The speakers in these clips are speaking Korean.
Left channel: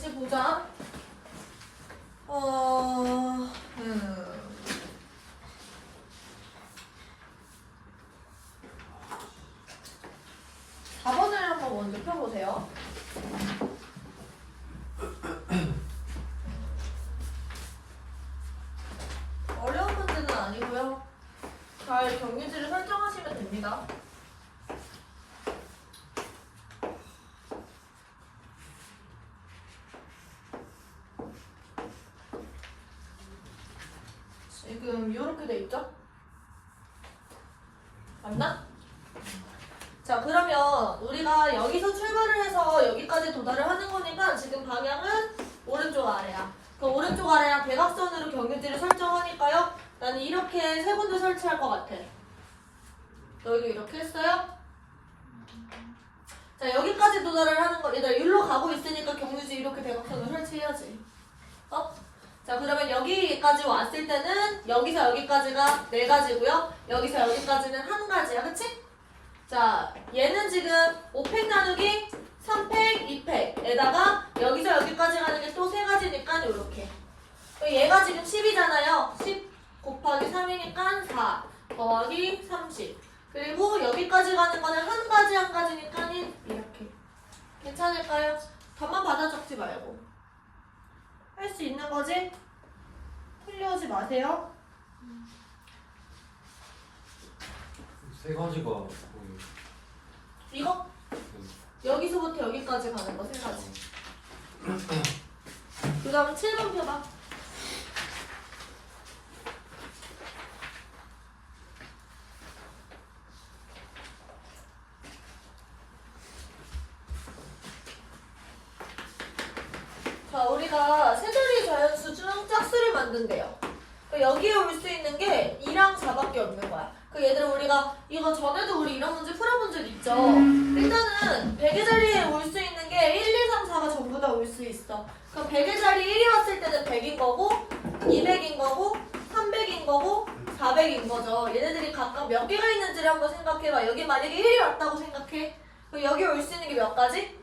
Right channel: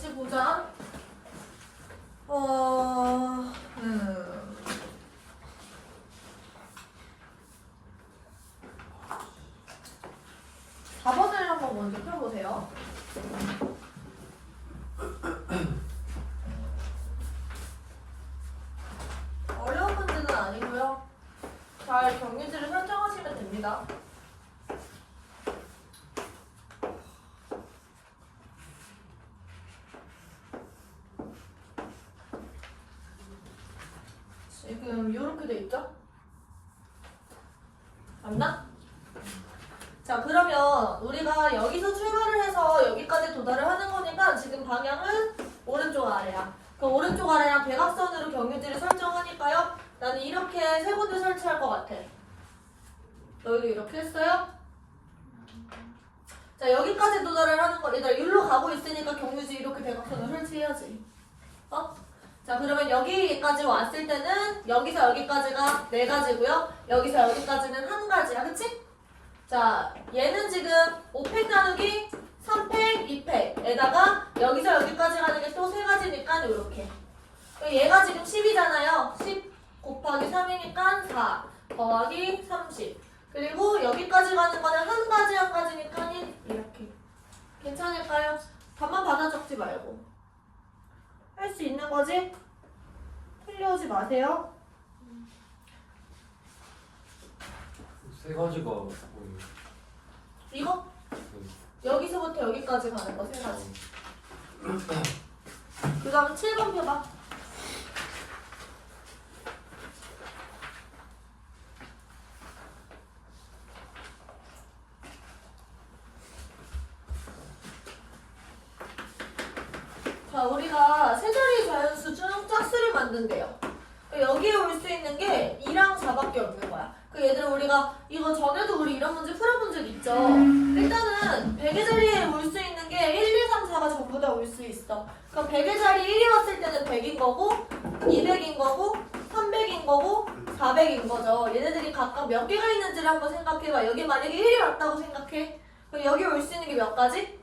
같이 보자. 4번을 한번 먼저 펴보세요. 어려운 문제는 아니고요. 잘 경유지를 설정하시면 됩니다. 지금 이렇게 돼 있죠? 맞나? 자, 그러면 우리가 여기서 출발을 해서 여기까지 도달을 하는 거니까 지금 방향은 오른쪽 아래야. 그 오른쪽 아래랑 대각선으로 경유지를 설정하니까요. 나는 이렇게 세 군데 설치할 것 같아. 너희도 이렇게 했어요? 자, 여기까지 도달을 하는 거, 얘들아, 여기로 가고 있으니까 경유지 이렇게 대각선을 설치해야지. 자, 그러면 여기까지 왔을 때는 여기서 여기까지가 4가지고요. 여기서 여기까지는 1가지야. 그치? 자, 얘는 지금 5팩 나누기 3팩, 2팩에다가 여기서 여기까지 가는 게 또 3가지니까 요렇게. 얘가 지금 10이잖아요. 10 곱하기 3이니까 4 더하기 30. 그리고 여기까지 가는 거는 1가지니까 1 이렇게. 괜찮을까요? 답만 받아 적지 말고. 할 수 있는 거지? 틀려오지 마세요. 3가지가 뭐예요? 이거? 여기서부터 여기까지 가는 거 3가지. 그 다음 7번 펴봐. 자, 우리가 세 자리 자연수 중 짝수를 만든대요. 여기에 올 수 있는 게 2랑 4밖에 없는 거야. 얘들아, 우리가 이거 전에도 우리 이런 문제 풀어본 적 있죠? 일단은 100의 자리에 올 수 있는 게 1, 2, 3, 4가 전부 다 올 수 있어. 그럼 100의 자리 1이 왔을 때는 100인 거고 200인 거고 300인 거고 400인 거죠. 얘네들이 각각 몇 개가 있는지를 한번 생각해봐. 여기 만약에 1이 왔다고 생각해. 그럼 여기 올 수 있는 게 몇 가지?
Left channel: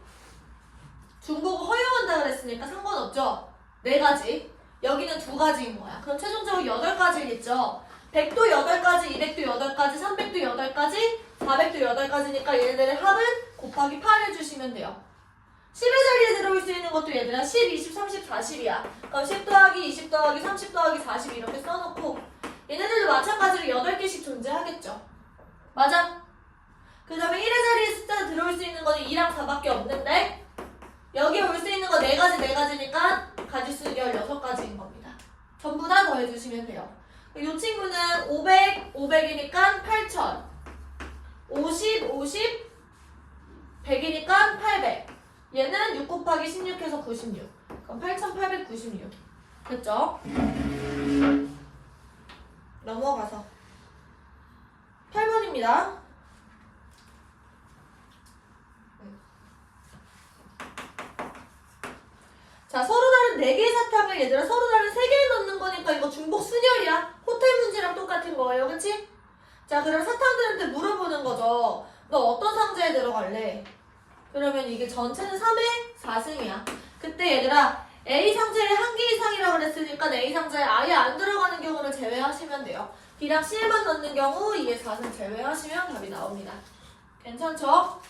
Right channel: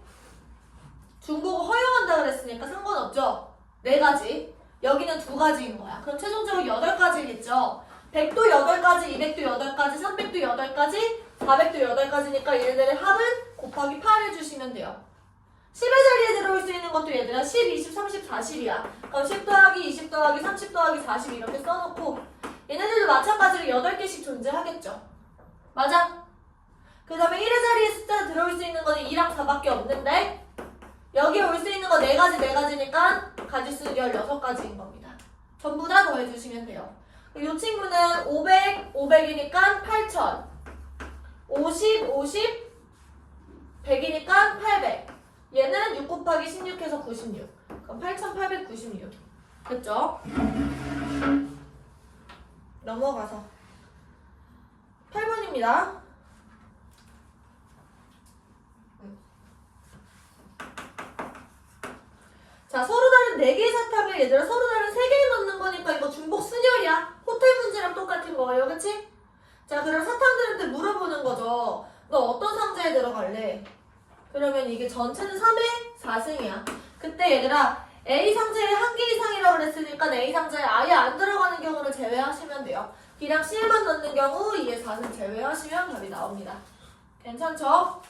중국어 허용한다 그랬으니까 상관없죠? 4가지. 여기는 2가지인 거야. 그럼 최종적으로 8가지겠죠? 100도 8가지, 200도 8가지, 300도 8가지, 400도 8가지니까 얘네들의 합은 곱하기 8 해주시면 돼요. 10의 자리에 들어올 수 있는 것도 얘들아 10, 20, 30, 40이야. 그럼 10 더하기 20 더하기 30 더하기 40 이렇게 써놓고 얘네들도 마찬가지로 8개씩 존재하겠죠. 맞아? 그 다음에 1의 자리에 숫자 들어올 수 있는 거는 2랑 4밖에 없는데 여기에 올 수 있는 거 4가지니까 가지수는 16가지인 겁니다. 전부 다 더해주시면 돼요. 이 친구는 500, 500이니까 8000 50, 50 100이니까 800 얘는 6 곱하기 16 해서 96 그럼 8896 됐죠? 넘어가서 8번입니다. 자, 서로 다른 4개의 사탑을 얘들아 서로 다른 3개에 넣는 거니까 이거 중복 순열이야. 호텔 문제랑 똑같은 거예요. 그치? 자, 그럼 사탕들한테 물어보는 거죠. 너 어떤 상자에 들어갈래? 그러면 이게 전체는 3의 4승이야. 그때 얘들아 A 상자에 1개 이상이라고 그랬으니까 A 상자에 아예 안 들어가는 경우를 제외하시면 돼요. B랑 C에만 넣는 경우 2의 4승 제외하시면 답이 나옵니다. 괜찮죠?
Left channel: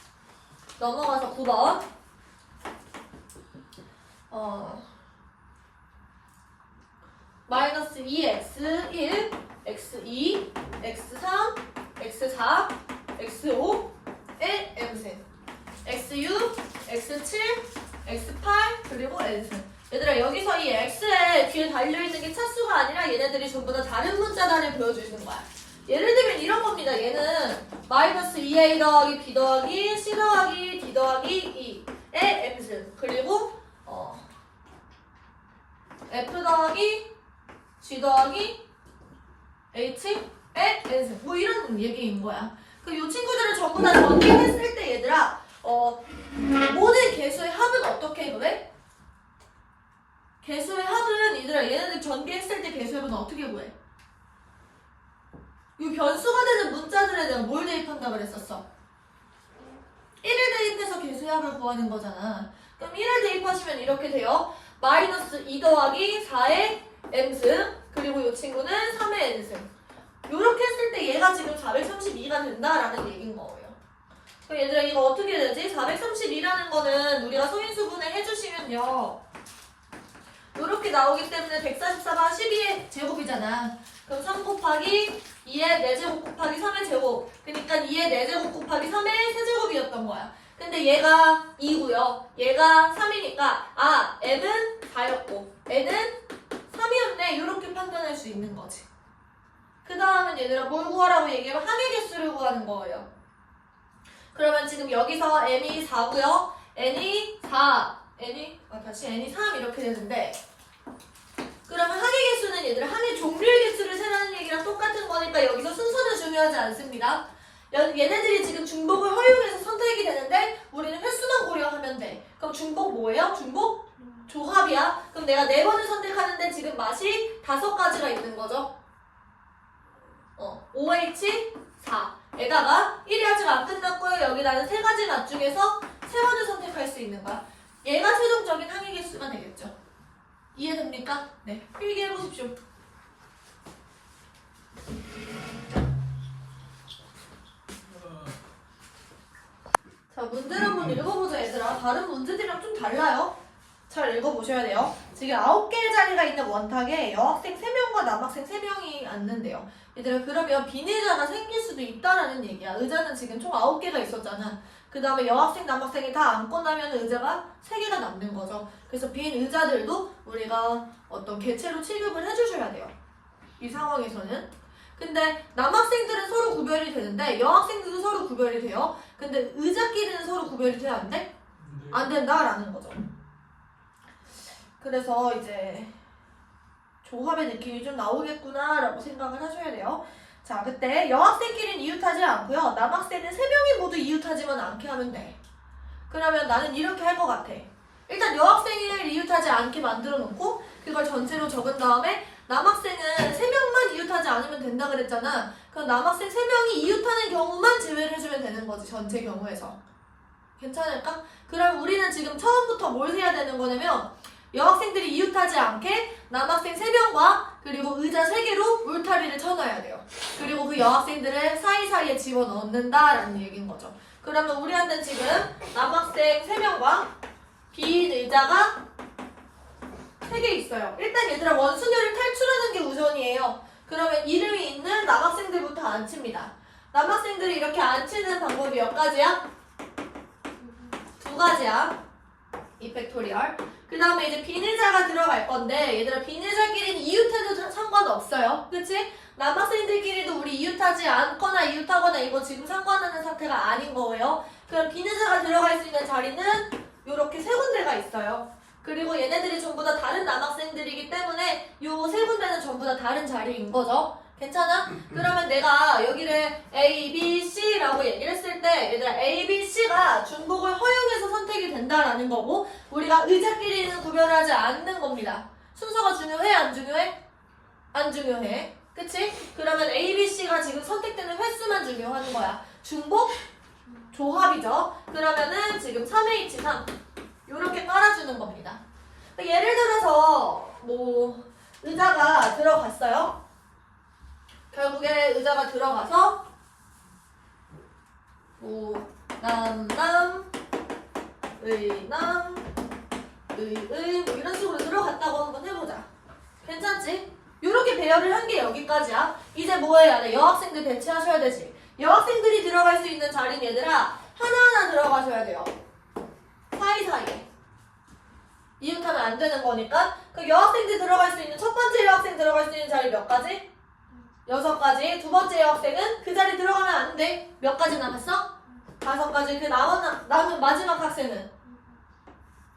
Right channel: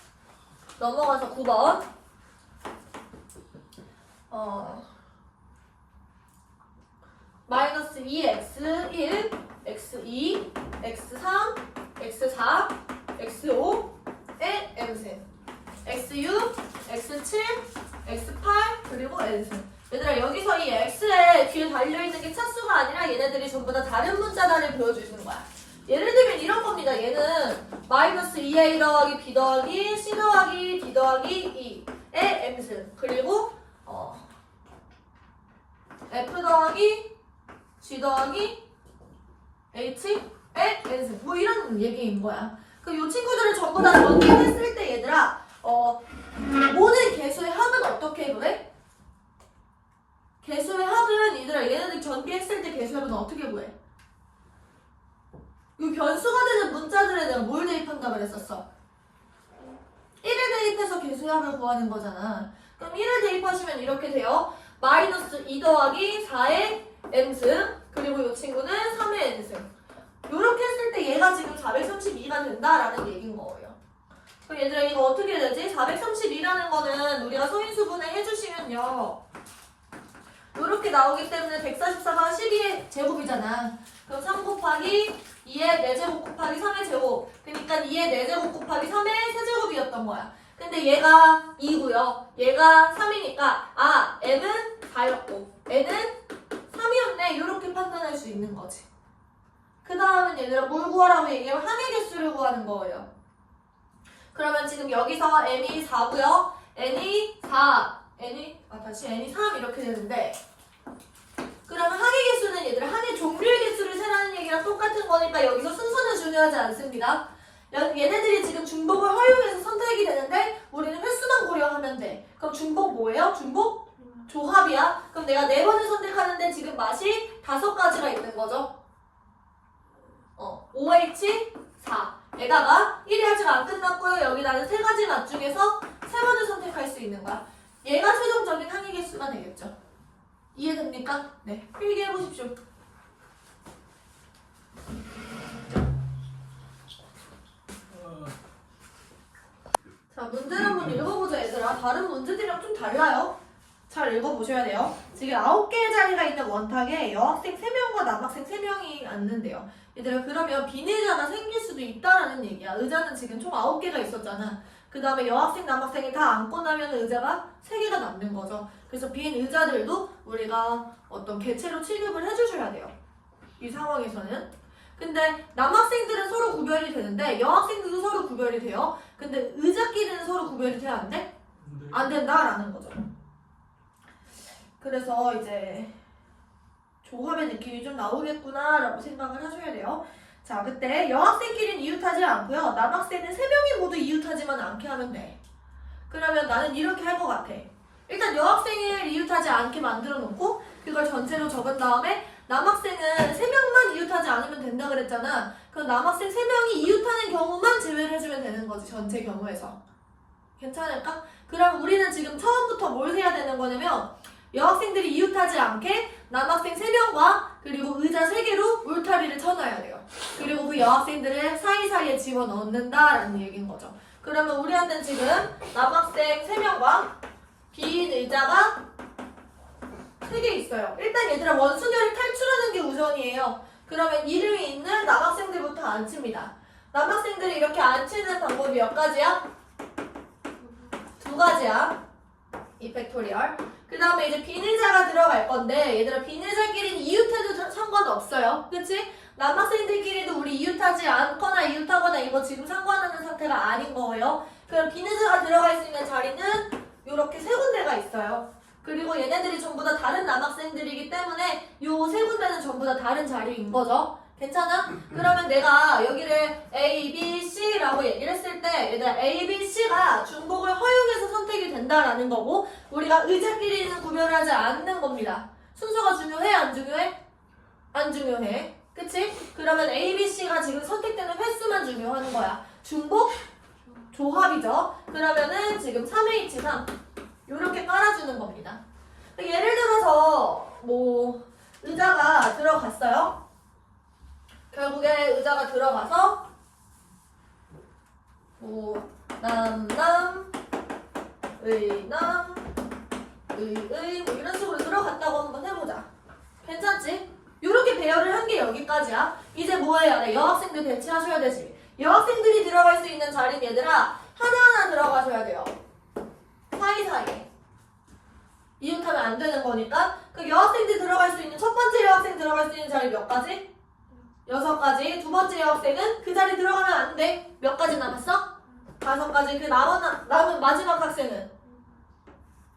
넘어가서 9번. 마이너스 2x1, x2, x3, x4, x5, 의 m승 xu, x7, x8, 그리고 n승. 얘들아 여기서 이 x에 뒤에 달려있는 게 차수가 아니라 얘네들이 전부 다 다른 문자다를 보여주는 거야. 예를 들면 이런 겁니다. 얘는 마이너스 2a 더하기 b 더하기 c 더하기 d 더하기 2의 m승 그리고 F 더하기 G 더하기 H의 n승 뭐 이런 얘기인 거야. 이 친구들을 전부 다 전개했을 때 얘들아 모든 개수의 합은 어떻게 구해? 개수의 합은 얘네들 전개했을 때 개수의 합은 어떻게 구해? 이 변수가 되는 문자들에 내가 뭘 대입한다 그랬었어? 1을 대입해서 개수합을 구하는 거잖아. 그럼 1을 대입하시면 이렇게 돼요. 마이너스 2 더하기 4의 n승 그리고 이 친구는 3의 n승. 이렇게 했을 때 얘가 지금 432가 된다라는 얘기인 거예요. 그럼 얘들아 이거 어떻게 되지? 432라는 거는 우리가 소인수분해 해주시면요. 이렇게 나오기 때문에 144가 12의 제곱이잖아. 그럼 3 곱하기 2의 4제곱 곱하기 3의 제곱. 그러니까 2의 4제곱 곱하기 3의 세제곱이었던 거야. 근데 얘가 2고요. 얘가 3이니까 아 m은 4였고 n은 3이었네. 이렇게 판단할 수 있는 거지. 그 다음은 얘들아 뭘 구하라고 얘기하면 항의 개수를 구하는 거예요. 그러면 지금 여기서 m이 4고요. n이 4, n이 3 이렇게 되는데 그러면 항의 개수는 얘들아 항의 종류의 개수를 세라는 얘기랑 똑같은 거니까 여기서 순서는 중요하지 않습니다. 얘네들이 지금 중복을 허용해서 선택이 되는데 우리는 횟수만 고려하면 돼. 그럼 중복 뭐예요? 중복? 조합이야. 그럼 내가 4번을 선택하는데 지금 맛이 5가지가 있는 거죠. 5H4 에다가 1이 아직 안 끝났고요. 여기 나는 3가지 맛 중에서 3번을 선택할 수 있는 거야. 얘가 최종적인 항의 개수가 되겠죠. 이해됩니까? 네, 필기해보십시오. 자, 문제를 한번 읽어보자 얘들아. 다른 문제들이랑 좀 달라요. 잘 읽어보셔야 돼요. 지금 9개의 자리가 있는 원탁에 여학생 3명과 남학생 3명이 앉는데요. 얘들아 그러면 빈의자가 생길 수도 있다라는 얘기야. 의자는 지금 총 9개가 있었잖아. 그 다음에 여학생 남학생이 다 앉고 나면 의자가 3개가 남는 거죠. 그래서 빈 의자들도 우리가 어떤 개체로 취급을 해주셔야 돼요. 이 상황에서는. 근데 남학생들은 서로 구별이 되는데 여학생들도 서로 구별이 돼요. 근데 의자끼리는 서로 구별이 돼야 안 돼? 안 된다라는 거죠. 그래서 이제 조합의 느낌이 좀 나오겠구나 라고 생각을 하셔야 돼요. 자, 그때 여학생끼리는 이웃하지 않고요. 남학생은 3명이 모두 이웃하지만 않게 하면 돼. 그러면 나는 이렇게 할 것 같아. 일단 여학생을 이웃하지 않게 만들어 놓고 그걸 전체로 적은 다음에 남학생은 3명만 이웃하지 않으면 된다 그랬잖아. 그럼 남학생 3명이 이웃하는 경우만 제외를 해주면 되는 거지. 전체 경우에서. 괜찮을까? 그럼 우리는 지금 처음부터 뭘 해야 되는 거냐면 여학생들이 이웃하지 않게 남학생 3명과 그리고 의자 3개로 울타리를 쳐놔야 돼요. 그리고 그 여학생들을 사이사이에 집어넣는다라는 얘기인 거죠. 그러면 우리한테는 지금 남학생 3명과 빈 의자가 3개 있어요. 일단 얘들아 원순열을 탈출하는 게 우선이에요. 그러면 이름이 있는 남학생들부터 앉힙니다. 남학생들이 이렇게 앉히는 방법이 몇 가지야? 2가지야. 이 팩토리얼. 그 다음에 이제 빈의자가 들어갈 건데 얘들아 빈의자끼리는 이웃해도 상관없어요. 그치? 남학생들끼리도 우리 이웃하지 않거나 이웃하거나 이거 지금 상관하는 상태가 아닌 거예요. 그럼 빈의자가 들어갈 수 있는 자리는 이렇게 3군데가 있어요. 그리고 얘네들이 전부 다 다른 남학생들이기 때문에 이 3군데는 전부 다 다른 자리인 거죠. 괜찮아? 그러면 내가 여기를 A, B, C라고 얘기를 했을 때 얘들아 A, B, C가 중복을 허용해서 선택이 된다라는 거고 우리가 의자끼리는 구별하지 않는 겁니다. 순서가 중요해? 안 중요해? 안 중요해. 그치? 그러면 A, B, C가 지금 선택되는 횟수만 중요한 거야. 중복? 조합이죠. 그러면은 지금 3H3 요렇게 깔아주는 겁니다. 예를 들어서 뭐 의자가 들어갔어요. 결국에 의자가 들어가서 뭐 남, 의, 뭐 이런 식으로 들어갔다고 한번 해보자. 괜찮지? 요렇게 배열을 한 게 여기까지야. 이제 뭐 해야 돼? 여학생들 배치하셔야 되지. 여학생들이 들어갈 수 있는 자리는 얘들아 하나하나 들어가셔야 돼요. 사이사이에. 이웃하면 안 되는 거니까. 그 여학생들 들어갈 수 있는 첫 번째 여학생 들어갈 수 있는 자리 몇 가지? 6가지. 두 번째 여학생은 그 자리 들어가면 안 돼. 몇 가지 남았어? 5가지. 그 남은 마지막 학생은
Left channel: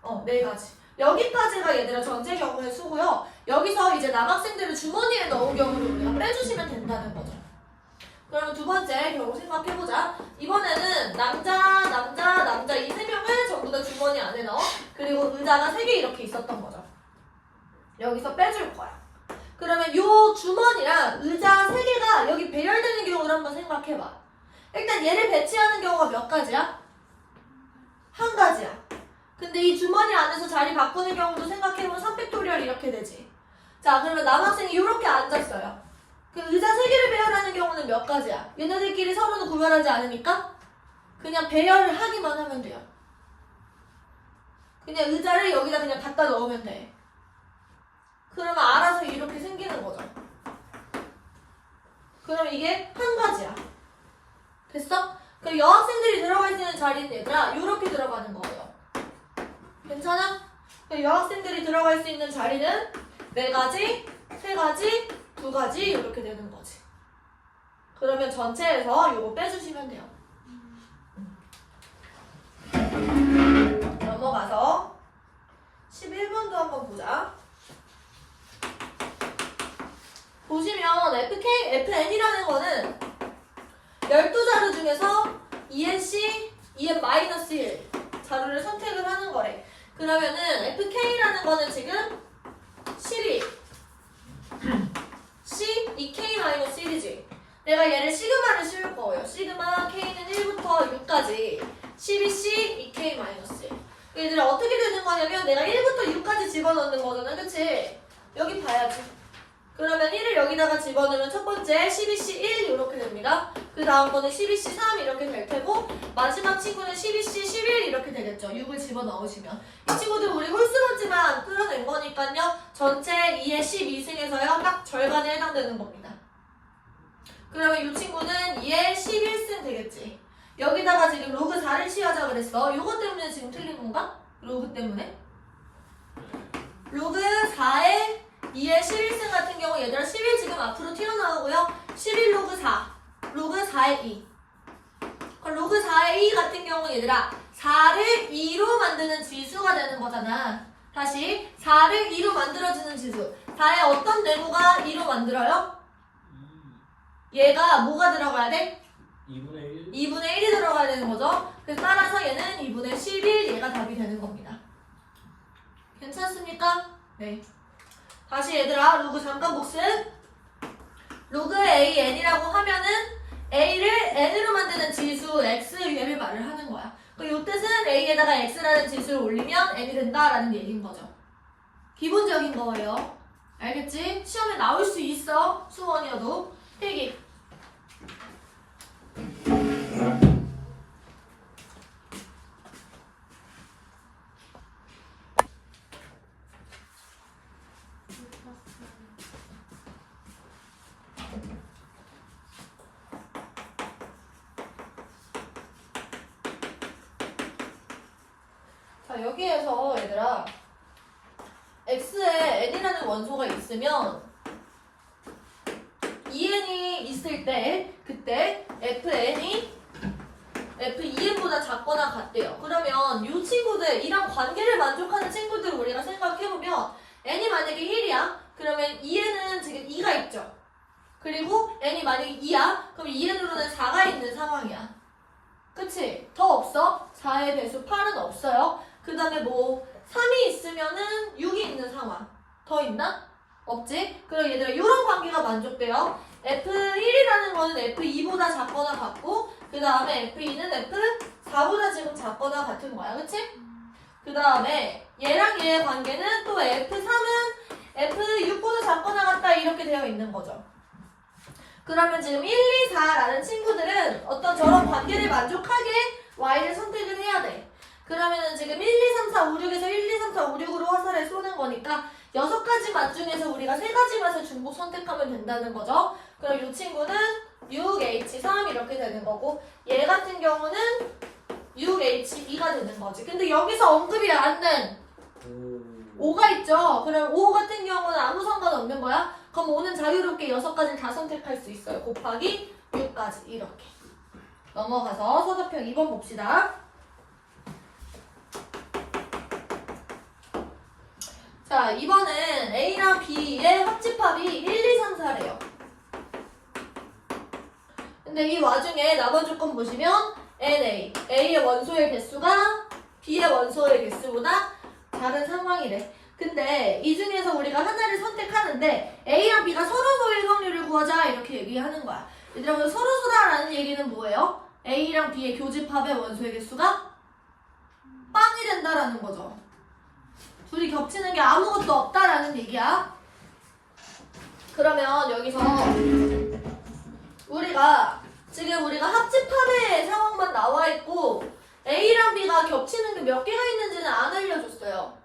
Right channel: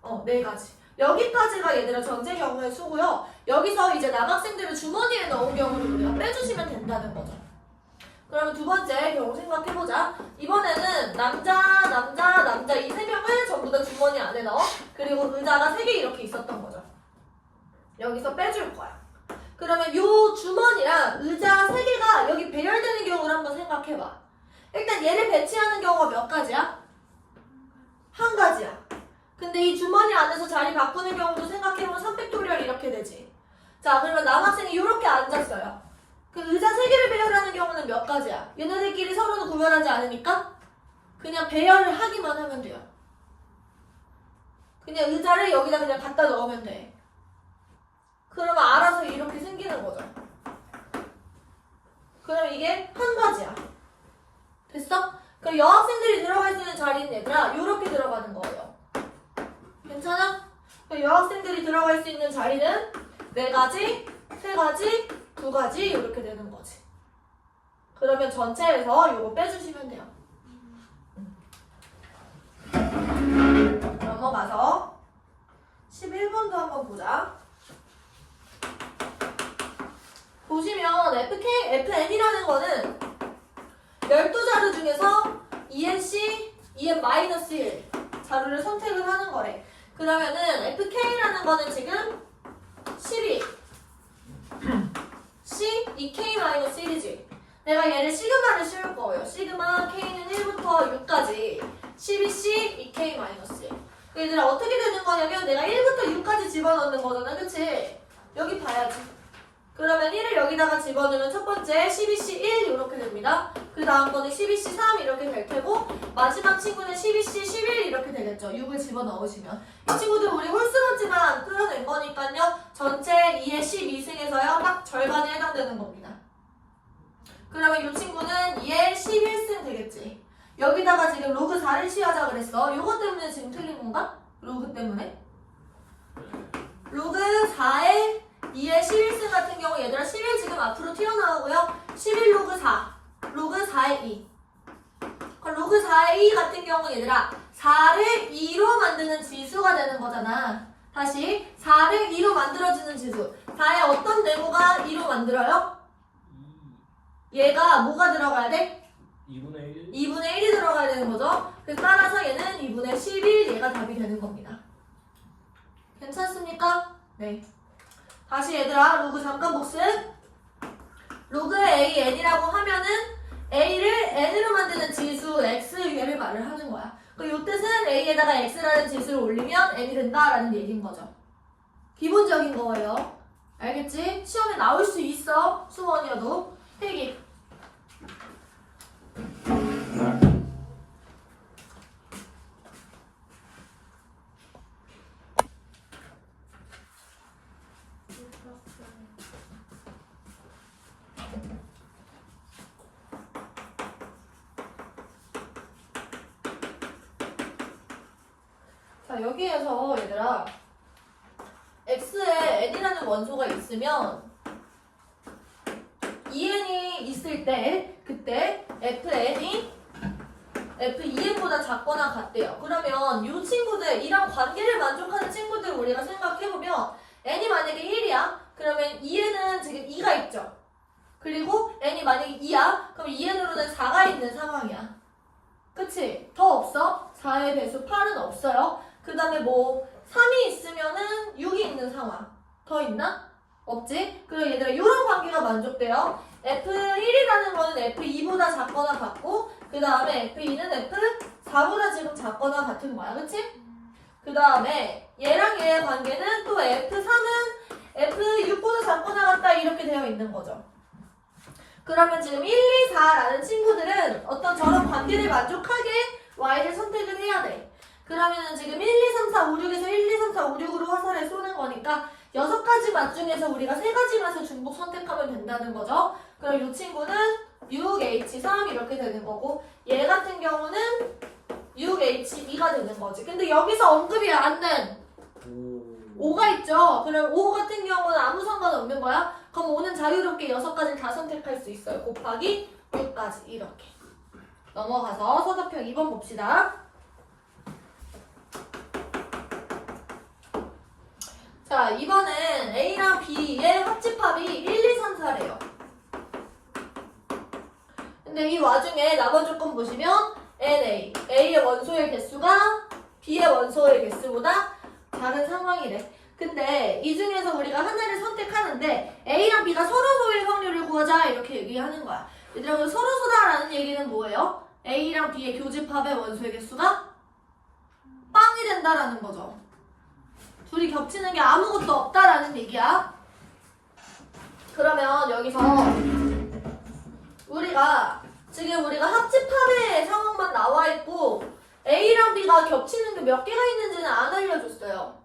4가지. 여기까지가 얘들아 전체 경우의 수고요. 여기서 이제 남학생들을 주머니에 넣은 경우를 우리가 빼주시면 된다는 거죠. 그러면 두 번째 경우 생각해보자. 이번에는 남자 이 3명을 전부 다 주머니 안에 넣어. 그리고 의자가 3개 이렇게 있었던 거죠. 여기서 빼줄 거야. 그러면 요 주머니랑 의자 3개가 여기 배열되는 경우를 한번 생각해봐. 일단 얘를 배치하는 경우가 몇 가지야? 한 가지야. 근데 이 주머니 안에서 자리 바꾸는 경우도 생각해보면 3팩토리얼 이렇게 되지. 자, 그러면 남학생이 이렇게 앉았어요. 그 의자 3개를 배열하는 경우는 몇 가지야? 얘네들끼리 서로는 구별하지 않으니까 그냥 배열을 하기만 하면 돼요. 그냥 의자를 여기다 그냥 갖다 넣으면 돼. 그러면 알아서 이렇게 생기는 거죠. 그럼 이게 한 가지야. 됐어? 그럼 여학생들이 들어갈 수 있는 자리는 얘들아 이렇게 들어가는 거예요. 괜찮아? 그럼 여학생들이 들어갈 수 있는 자리는 4가지, 3가지, 2가지 이렇게 되는 거지. 그러면 전체에서 요거 빼주시면 돼요. 넘어가서 11번도 한번 보자. 보시면 FN이라는 거는 12자료 중에서 ENC, EN-1 자료를 선택을 하는 거래. 그러면은 FK라는 거는 지금 12 C, 2K-1이지. 내가 얘를 시그마를 씌울 거예요. 시그마 K는 1부터 6까지 12C, 2K-1. 얘들아 어떻게 되는 거냐면 내가 1부터 6까지 집어넣는 거잖아. 그치? 여기 봐야지. 그러면 1을 여기다가 집어넣으면 첫 번째 12C 1 이렇게 됩니다. 그 다음 거는 12C 3 이렇게 될 테고 마지막 친구는 12C 11 이렇게 되겠죠. 6을 집어넣으시면 이 친구들 우리 홀수문지만 끌어낸 거니까요. 전체 2의 12승에서요 딱 절반에 해당되는 겁니다. 그러면 이 친구는 2의 11승 되겠지. 여기다가 지금 로그 4를 취하자 그랬어. 요거 때문에 지금 틀린 건가? 로그 때문에? 로그 4에 2의 11승 같은 경우 얘들아 11 지금 앞으로 튀어나오고요. 11 로그 4, 로그 4의 2. 그럼 로그 4의 2 같은 경우 얘들아 4를 2로 만드는 지수가 되는 거잖아. 다시 4를 2로 만들어주는 지수. 4의 어떤 내부가 2로 만들어요? 얘가 뭐가 들어가야 돼? 2분의 1? 2분의 1이 들어가야 되는 거죠. 그래서 따라서 얘는 2분의 11 얘가 답이 되는 겁니다. 괜찮습니까? 네. 다시 얘들아 로그 잠깐 복습. 로그 A, N이라고 하면은 A를 N으로 만드는 지수 X 얘를 말을 하는 거야. 이 뜻은 A에다가 X라는 지수를 올리면 N이 된다라는 얘기인 거죠. 기본적인 거예요. 알겠지? 시험에 나올 수 있어. 수원이어도. 필기. 자, 여기에서 얘들아 X에 N이라는 원소가 있으면 EN이 있을 때 그때 FN이 F2N보다 작거나 같대요. 그러면 이 친구들, 이런 관계를 만족하는 친구들을 우리가 생각해보면 N이 만약에 1이야? 그러면 EN은 지금 2가 있죠. 그리고 N이 만약에 2야? 그럼 EN으로는 4가 있는 상황이야. 그치? 더 없어? 4의 배수 8은 없어요. 그 다음에 뭐 3이 있으면은 6이 있는 상황. 더 있나? 없지? 그럼 얘들아 이런 관계가 만족돼요. F1이라는 거는 F2보다 작거나 같고 그 다음에 F2는 F4보다 지금 작거나 같은 거야. 그치? 그 다음에 얘랑 얘의 관계는 또 F3은 F6보다 작거나 같다 이렇게 되어 있는 거죠. 그러면 지금 1, 2, 4라는 친구들은 어떤 저런 관계를 만족하게 Y를 선택을 해야 돼. 그러면은 지금 1, 2, 3, 4, 5, 6에서 1, 2, 3, 4, 5, 6으로 화살을 쏘는 거니까 6가지 맛 중에서 우리가 3가지 맛을 중복 선택하면 된다는 거죠. 그럼 이 친구는 6H3 이렇게 되는 거고 얘 같은 경우는 6H2가 되는 거지. 근데 여기서 언급이 안 된 5가 있죠. 그럼 5 같은 경우는 아무 상관없는 거야. 그럼 5는 자유롭게 6가지를 다 선택할 수 있어요. 곱하기 6까지 이렇게. 넘어가서 서사표 2번 봅시다. 자, 이번엔 A랑 B의 합집합이 1, 2, 3, 4래요. 근데 이 와중에 나머지 조건 보시면 NA, A의 원소의 개수가 B의 원소의 개수보다 작은 상황이래. 근데 이 중에서 우리가 하나를 선택하는데 A랑 B가 서로소일 확률을 구하자 이렇게 얘기하는 거야. 얘들아, 그 서로소다라는 얘기는 뭐예요? A랑 B의 교집합의 원소의 개수가 겹친다라는 거죠. 둘이 겹치는 게 아무것도 없다라는 얘기야. 그러면 여기서 우리가 합집합의 상황만 나와 있고 A랑 B가 겹치는 게 몇 개가 있는지는 안 알려줬어요.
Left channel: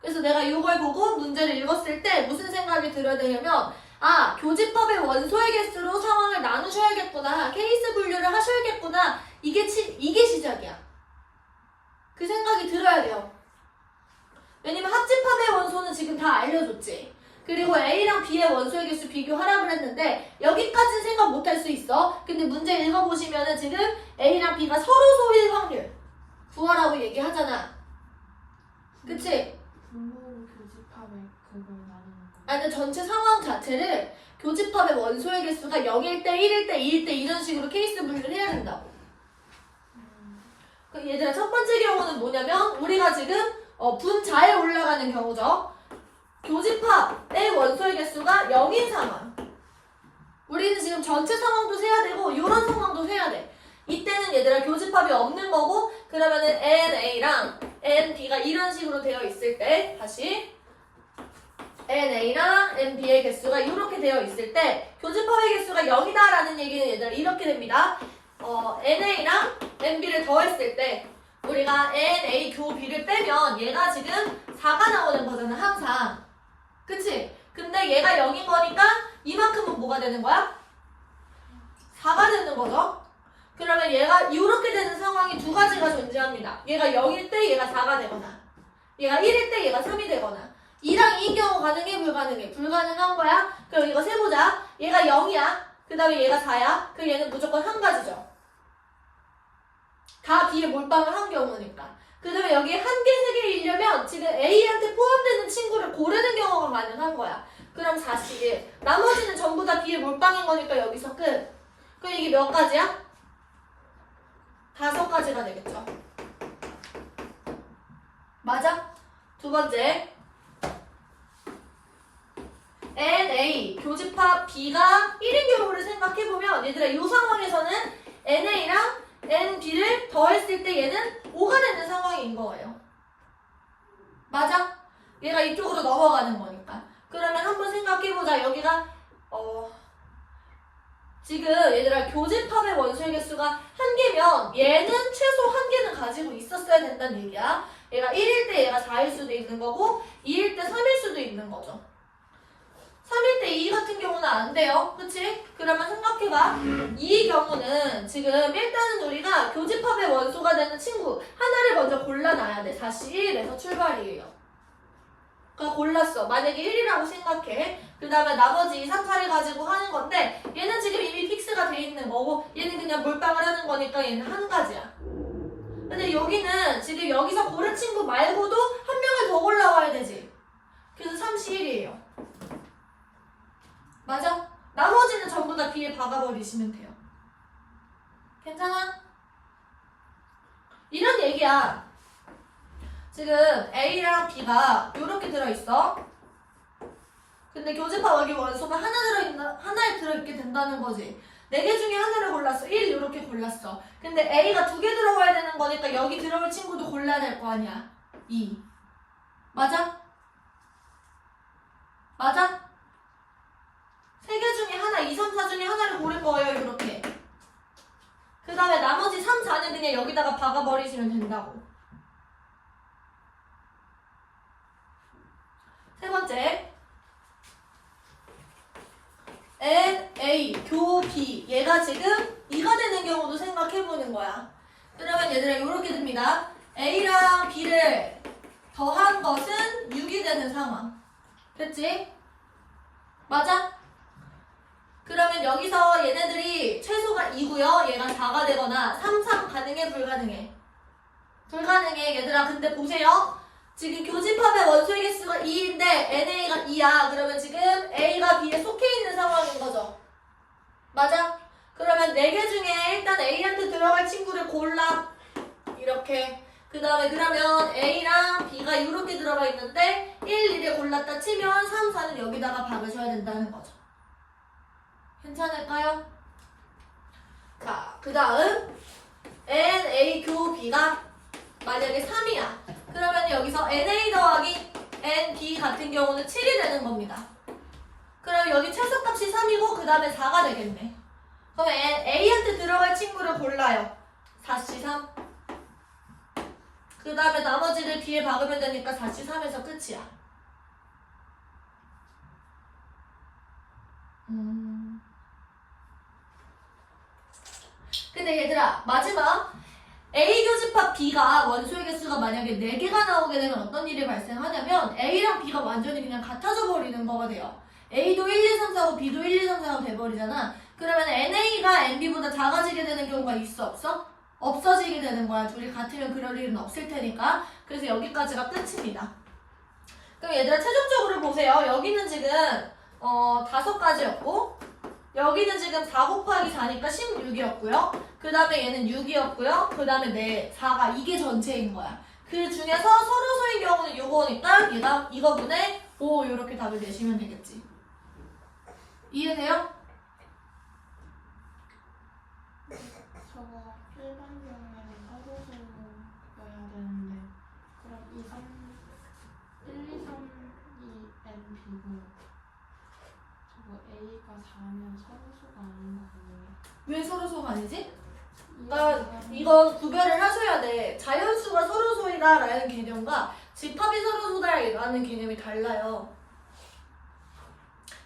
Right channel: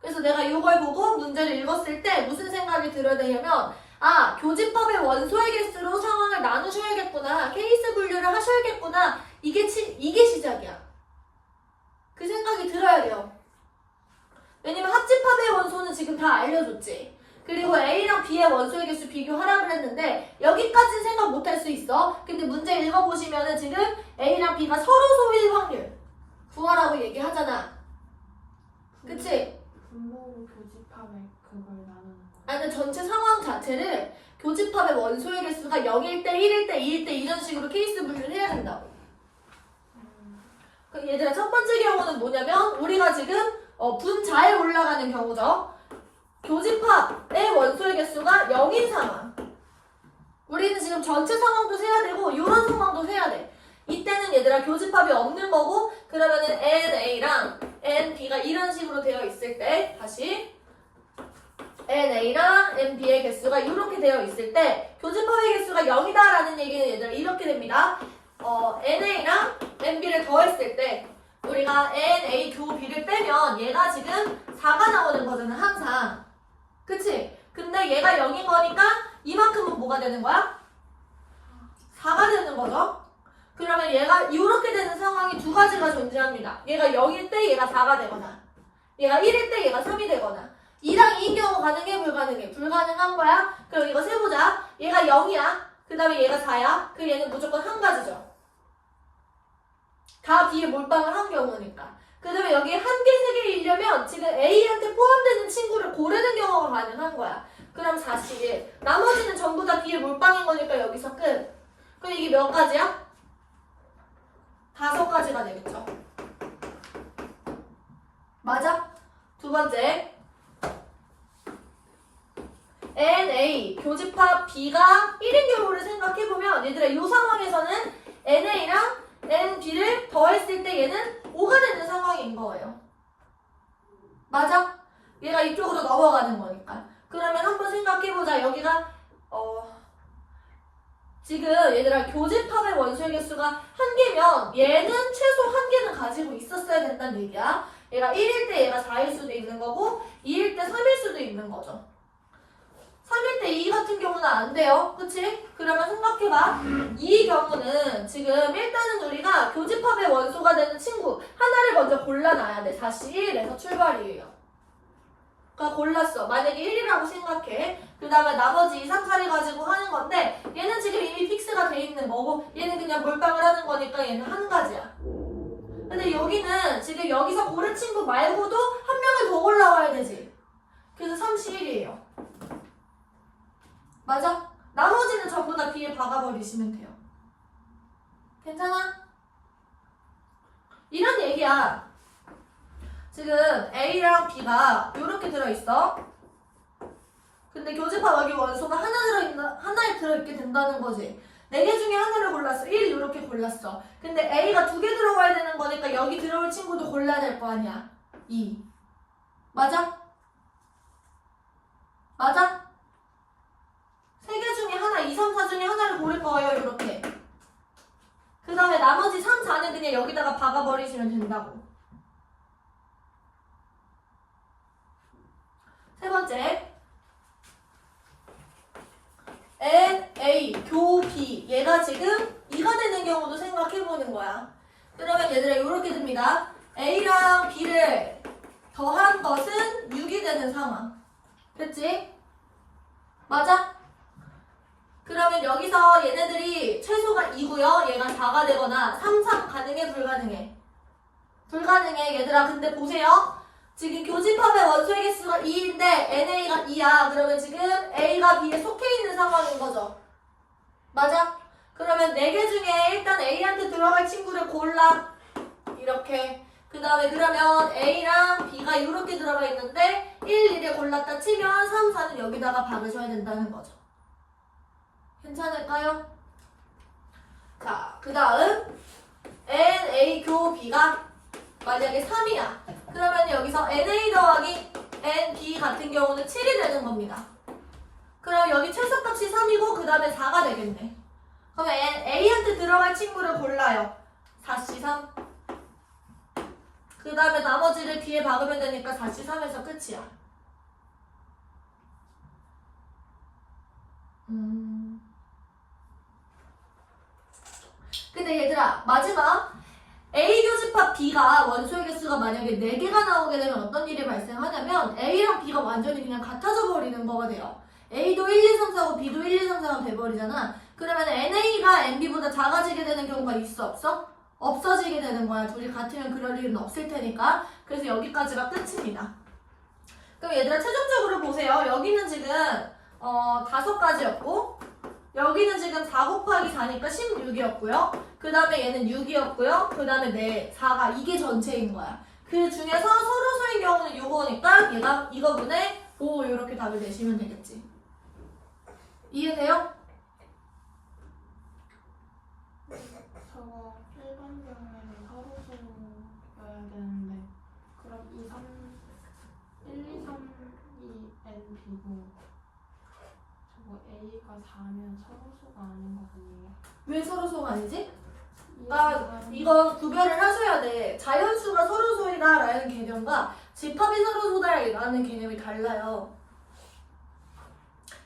그래서 내가 이걸 보고 문제를 읽었을 때 무슨 생각이 들어야 되냐면 교집합의 원소의 개수로 상황을 나누셔야겠구나. 케이스 분류를 하셔야겠구나. 이게 시작이야. 그 생각이 들어야 돼요. 왜냐면 합집합의 원소는 지금 다 알려줬지. 그리고 A랑 B의 원소의 개수 비교하라고 했는데 여기까지는 생각 못할 수 있어. 근데 문제 읽어보시면은 지금 A랑 B가 서로 소일 확률 구하라고 얘기하잖아. 그치? 분모로 교집합의 그걸 나누는 거. 아니 전체 상황 자체를 교집합의 원소의 개수가 0일 때, 1일 때, 2일 때 이런 식으로 케이스 분류를 해야 된다고. 얘들아 첫 번째 경우는 뭐냐면 우리가 지금 분자에 올라가는 경우죠. 교집합의 원소의 개수가 0인 상황. 우리는 지금 전체 상황도 세야 되고 이런 상황도 세야 돼. 이때는 얘들아 교집합이 없는 거고 그러면은 NA랑 NB가 이런 식으로 되어 있을 때 다시 NA랑 NB의 개수가 이렇게 되어 있을 때 교집합의 개수가 0이다 라는 얘기는 얘들아 이렇게 됩니다. NA랑 NB를 더했을 때 우리가 NA 교 B를 빼면 얘가 지금 4가 나오는 거잖아 항상. 그치? 근데 얘가 0인 거니까 이만큼은 뭐가 되는 거야? 4가 되는 거죠. 그러면 얘가 이렇게 되는 상황이 두 가지가 존재합니다. 얘가 0일 때 얘가 4가 되거나 얘가 1일 때 얘가 3이 되거나 2랑 2인 경우 가능해 불가능해? 불가능한 거야. 그럼 이거 세보자. 얘가 0이야. 그 다음에 얘가 4야. 그럼 얘는 무조건 한 가지죠. 다 B에 몰빵을 한 경우니까. 그 다음에 여기에 한 개, 세 개이려면 지금 A한테 포함되는 친구를 고르는 경우가 가능한 거야. 그럼 4씩 나머지는 전부 다 B에 몰빵인 거니까 여기서 끝. 그럼 이게 몇 가지야? 5가지가 되겠죠. 맞아? 두 번째 NA 교집합 B가 1인 경우를 생각해보면 얘들아 이 상황에서는 NA랑 NB를 더했을 때 얘는 5가 되는 상황인 거예요. 맞아? 얘가 이쪽으로 넘어가는 거니까. 그러면 한번 생각해보자. 여기가 지금 얘들아 교집합의 원소의 개수가 1개면 얘는 최소 1개는 가지고 있었어야 된다는 얘기야. 얘가 1일 때 얘가 4일 수도 있는 거고 2일 때 3일 수도 있는 거죠. 3일 때 2 같은 경우는 안 돼요. 그치? 그러면 생각해봐. 이 경우는 지금 일단은 우리가 교집합의 원소가 되는 친구 하나를 먼저 골라놔야 돼. 다시 1에서 출발이에요. 그러니까 골랐어. 만약에 1이라고 생각해. 그 다음에 나머지 2, 3, 4를 가지고 하는 건데 얘는 지금 이미 픽스가 돼 있는 거고 얘는 그냥 몰빵을 하는 거니까 얘는 한 가지야. 근데 여기는 지금 여기서 고른 친구 말고도 한 명을 더 골라와야 되지. 그래서 31이에요. 맞아? 나머지는 전부 다 B에 박아버리시면 돼요. 괜찮아? 이런 얘기야. 지금 A랑 B가 이렇게 들어있어. 근데 교집합 여기 원소가 하나에 들어있게 된다는 거지. 4개 중에 하나를 골랐어. 1 이렇게 골랐어. 근데 A가 2개 들어가야 되는 거니까 여기 들어올 친구도 골라야 될 거 아니야. 2. 맞아? 맞아? 3개 중에 하나, 2, 3, 4 중에 하나를 고를 거예요. 이렇게. 그 다음에 나머지 3, 4는 그냥 여기다가 박아버리시면 된다고. 세 번째. NA, 교 B. 얘가 지금 2가 되는 경우도 생각해보는 거야. 그러면 얘들아 이렇게 됩니다. A랑 B를 더한 것은 6이 되는 상황. 그치? 맞아? 그러면 여기서 얘네들이 최소가 2고요. 얘가 4가 되거나 3, 3 가능해? 불가능해? 불가능해. 얘들아 근데 보세요. 지금 교집합의 원소의 개수가 2인데 NA가 2야. 그러면 지금 A가 B에 속해 있는 상황인 거죠. 맞아? 그러면 4개 중에 일단 A한테 들어갈 친구를 골라. 이렇게. 그 다음에 그러면 A랑 B가 이렇게 들어가 있는데 1, 1에 골랐다 치면 3, 4는 여기다가 박으셔야 된다는 거죠. 괜찮을까요? 자, 그 다음 NA 교 B가 만약에 3이야. 그럼 여기서 NA 더하기 NB 같은 경우는 7이 되는 겁니다. 그럼 여기 최소값이 3이고 그 다음에 4가 되겠네. 그러면 A한테 들어갈 친구를 골라요. 4C3. 그 다음에 나머지를 B에 박으면 되니까 4C3에서 끝이야. 근데 얘들아, 마지막 A 교집합 B가 원소의 개수가 만약에 4개가 나오게 되면 어떤 일이 발생하냐면 A랑 B가 완전히 그냥 같아져 버리는 거가 돼요. A도 1, 2, 3, 4고 B도 1, 2, 3, 4가 돼버리잖아. 그러면 NA가 NB보다 작아지게 되는 경우가 있어 없어? 없어지게 되는 거야. 둘이 같으면 그럴 일은 없을 테니까. 그래서 여기까지가 끝입니다. 그럼 얘들아 최종적으로 보세요. 여기는 지금 5가지였고 여기는 지금 4 곱하기 4니까 16이었고요. 그 다음에 얘는 6이었고요. 그 다음에 4가 이게 전체인 거야. 그 중에서 서로소인 경우는 6호니까 얘가 이거분의 5 이렇게 답을 내시면 되겠지. 이해돼요? 저거 1번 경우에는 서로소여야 되는데 그럼 1, 2, 3, 2NB고 저거 A가 4면 서로소가 아닌 거군요. 왜 서로소가 아니지? 그러니까 이건 구별을 하셔야 돼. 자연수가 서로소이다라는 개념과 집합이 서로소다라는 개념이 달라요.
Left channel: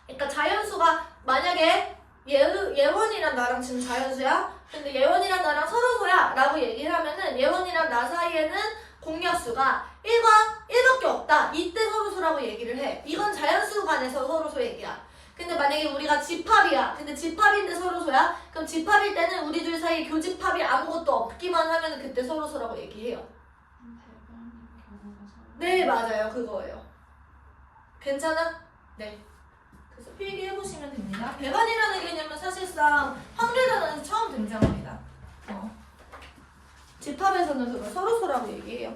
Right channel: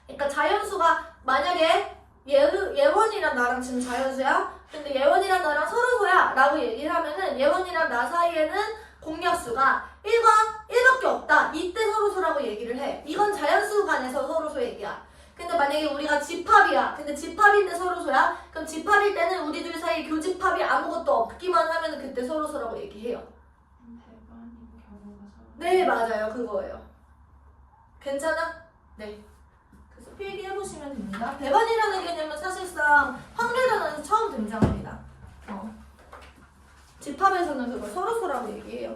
그러니까 자연수가 만약에 예원이랑 나랑 지금 자연수야? 근데 예원이랑 나랑 서로소야 라고 얘기를 하면은 예원이랑 나 사이에는 공약수가 1밖에 없다. 이때 서로소라고 얘기를 해. 이건 자연수 간에서 서로소 얘기야. 근데 만약에 우리가 집합이야. 근데 집합인데 서로소야? 그럼 집합일 때는 우리 둘 사이에 교집합이 아무것도 없기만 하면 그때 서로소라고 얘기해요. 대반인 경우가 서로. 네, 맞아요. 그거예요. 괜찮아? 네. 그래서 필기해보시면 됩니다. 배반이라는 개념은 사실상 확률 단원에서 처음 등장합니다. 집합에서는 그걸 서로소라고 얘기해요.